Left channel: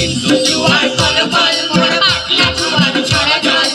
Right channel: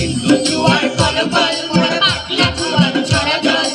সিন্ধু জুয়ার কলবল মোর পাতলা জুয়ার ছড়া জল